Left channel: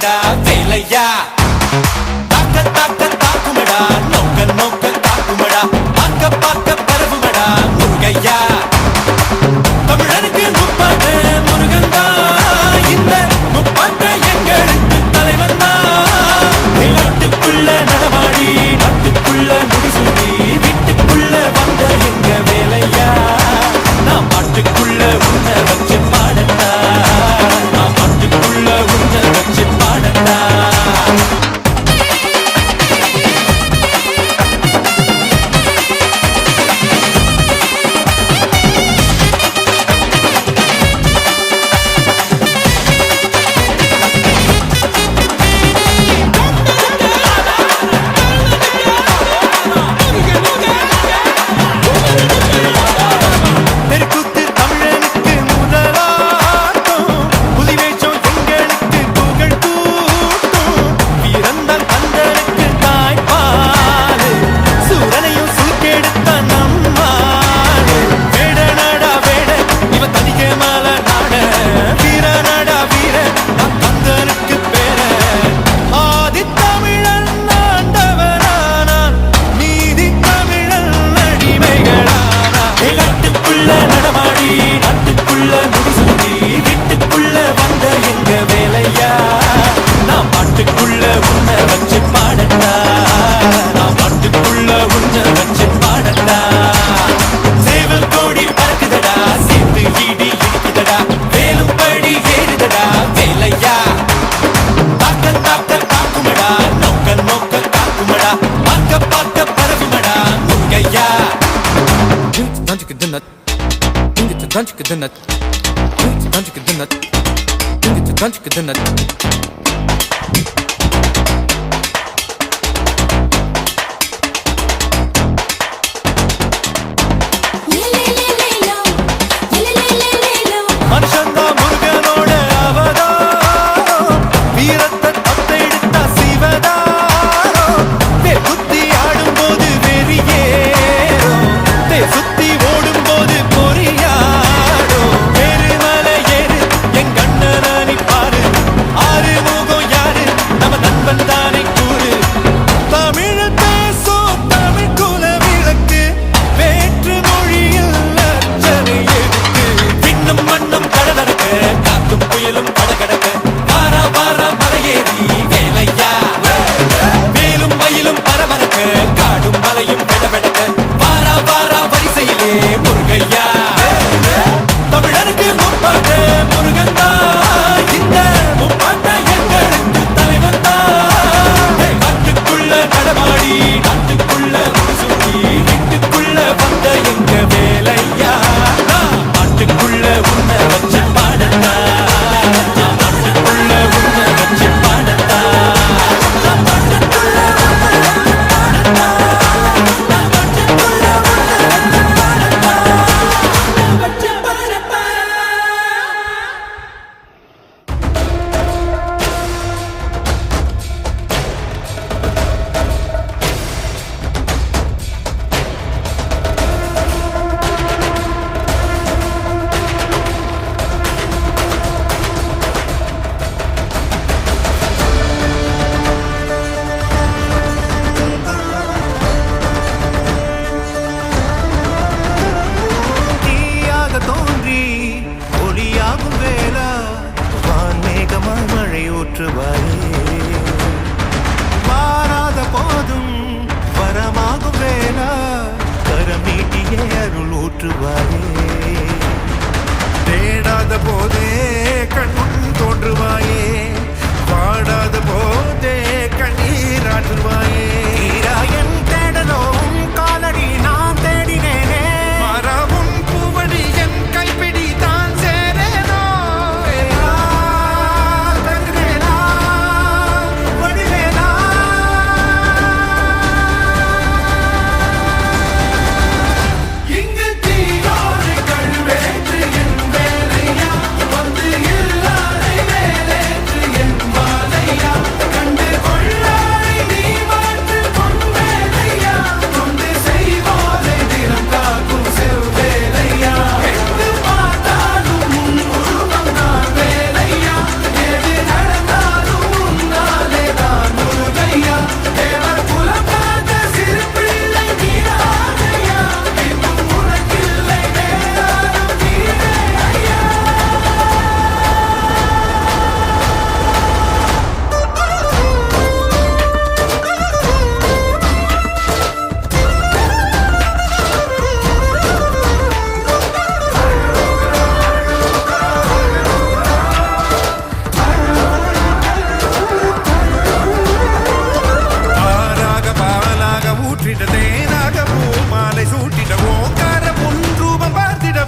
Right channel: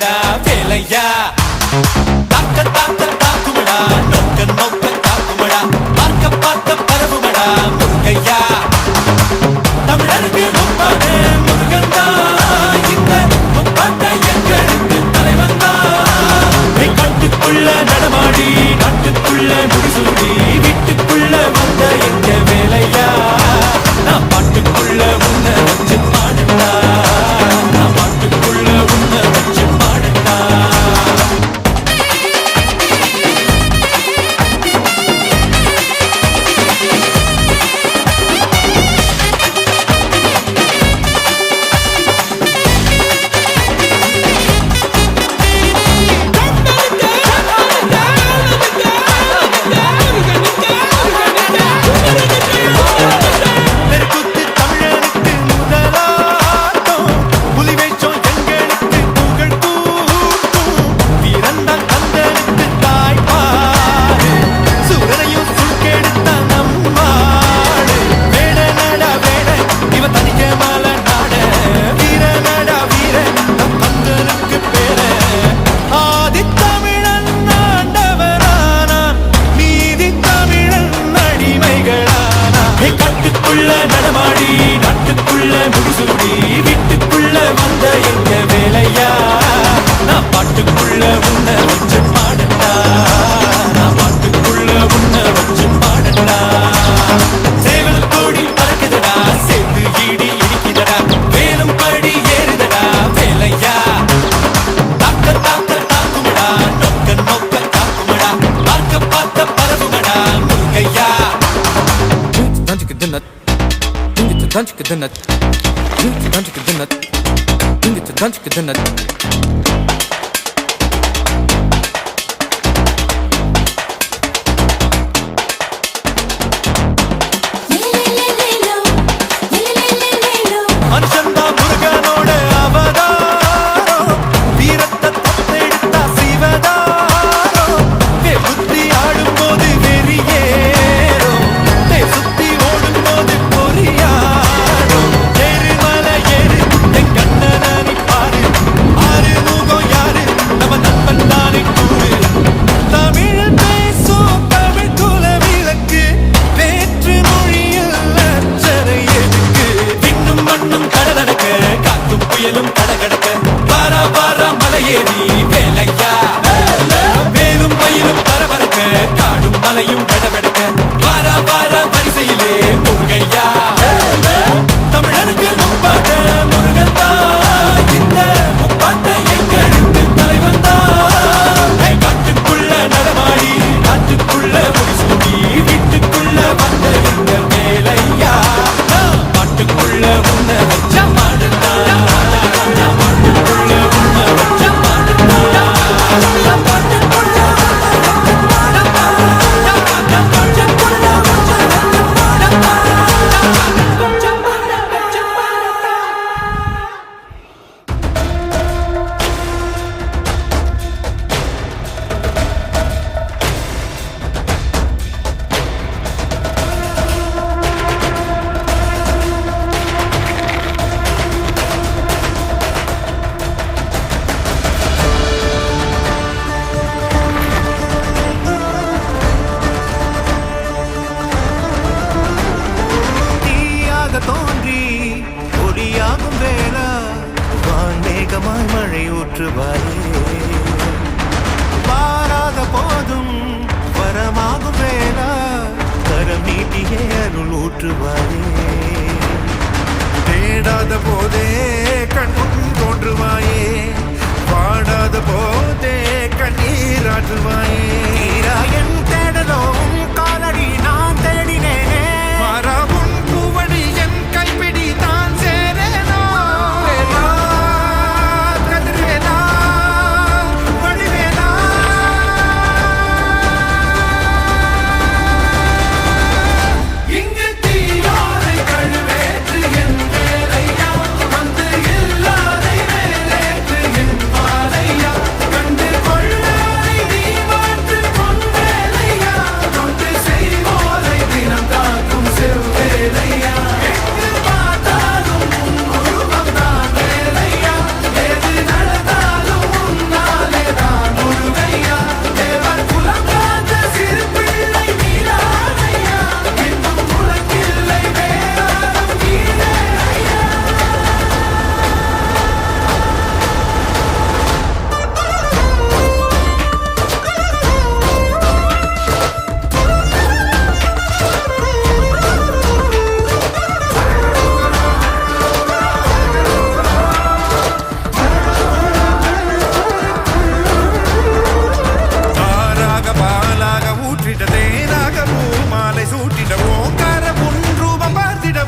வருகுதடா வேலையா தாக்க தாக்க தாக்குமடா நோக்க நோக்க தாக்குமடா பார்க்க பார்க்க பரவுமடா முருகையா தமிழருக்கு முப்பாடு முருகன் தான் இந்த முப்பாட்டை எங்களுக்கு தலைவன் தான் நாட்டுக்குள்ள நடமாடி நாட்டுக்குள்ள முடிசூடி வீட்டுக்குள்ள வந்த எங்க வேலையா நான் பாட்டுக்குள்ள உன்னை வச்சு பாடட்டா நான் பாட்டுக்குள்ள உன்னை வச்சு பாடட்டா தெருக்கூத்து தமிழனுக்கு முதலாட்டம் புலிவேஷம் எங்களுக்கு பொங்கல் கூட்டம் வீரந்தான் கந்தனுக்கு தாய்ப்பாடு சூரனையும் சுருக்கெடுத்த நம்மாடு வேட நாடா வேட இவன் தனிக்கே மால நாட வீர நாடா வீர நம் கந்தனுக்கு பேர ஆதித்தமிழன் ஆண்டவரானான் நீதி தமிழன் அடிமைகளானா நாட்டுக்குள்ள நடமாடி நாட்டுக்குள்ள முடிசூடி வீட்டுக்குள்ள வந்த எங்க வேலையா நான் பாட்டுக்குள்ள உன்னை வச்சு பாடட்டா நான் பாட்டுக்குள்ள உன்னை வச்சு பாடட்டா சேவல் கோடி பறக்குதடா சேர்ந்து ஈடி இடிக்குதடா வேலும் படி ஏறுதடா வேலையா தாக்க தாக்க தாக்குமடா நோக்க நோக்க தாக்குமடா பார்க்க பார்க்க பரவுமடா முருகையா மனுஷன்தான் முருகனோட அவதாரம் வீரத்தை தத்தெடுத்த சிவதாரம் புத்தி ஆடும்போது வெறியேறும் சுத்தி ஓடும்போது பொறியாடும் ஏறு மலை ஏறு என் கண்ணனானி பாரு ஆறு முகம் யாரு நம்ம நண்பன் தானே கூறு தமிழ் பேசும் தமிழ் குல விளக்கு வேற்று மொழியில் அச்சனை எதுக்கு விண்ணும் மண்ணும் கடகடக்க காத்தும் புயலும் கடகடக்க வாரா வாரா மலையேறி வேலையா வேலும் மயிலும் பரபரக்க காடும் மலையும் கடவெடக்க வாரா வாரா வரிசையிலே முருகையா தமிழருக்கு முப்பாட்ட முருகன் தான் இந்த முப்பாட்ட எங்களுக்கு தலைவன் தான் நாட்டுக்குள்ள நடமாடி நாட்டுக்குள்ள முடிசூடி வீட்டுக்குள்ள வந்த எங்க வேலையா நான் பாட்டுக்குள்ள உன்னை வச்ச பாடட்டா நான் பாட்டுக்குள்ள உன்னை வச்ச பாடட்டா நான் பாட்டுக்குள்ள தீயாக தோன்றி ஒளியாகும் வேளா வான்மேகமாய் மழை ஊற்றுவாயே வாராத போதும் வரமாகும் வேளா கரம் நீட்டியே அருள் ஊற்றுவாயே தேடாத போதே கண்முன் தோன்றுவாயே பாடாத போதே கண்ணீராற்றுவாயே என் தேடலும் காலடி நான் தேடினேனே மரபும் பூவடி என் கைப்பிடி தான் சேரேனோ வேலா, கதிர்வேலா, வடிவேலா. இங்கு தீயோரை கழுவேற்று என் வேலையா வந்து இல்லாதை வேலேற்று என் வாழையா கண்டு கொள்ளாய் நீ மாற்று பொன் வேலையா கொண்டு போற்றிட தேனாக பூ மாலை சூட்டிட ஓங்கார பொன் ரூபம் பார்த்திட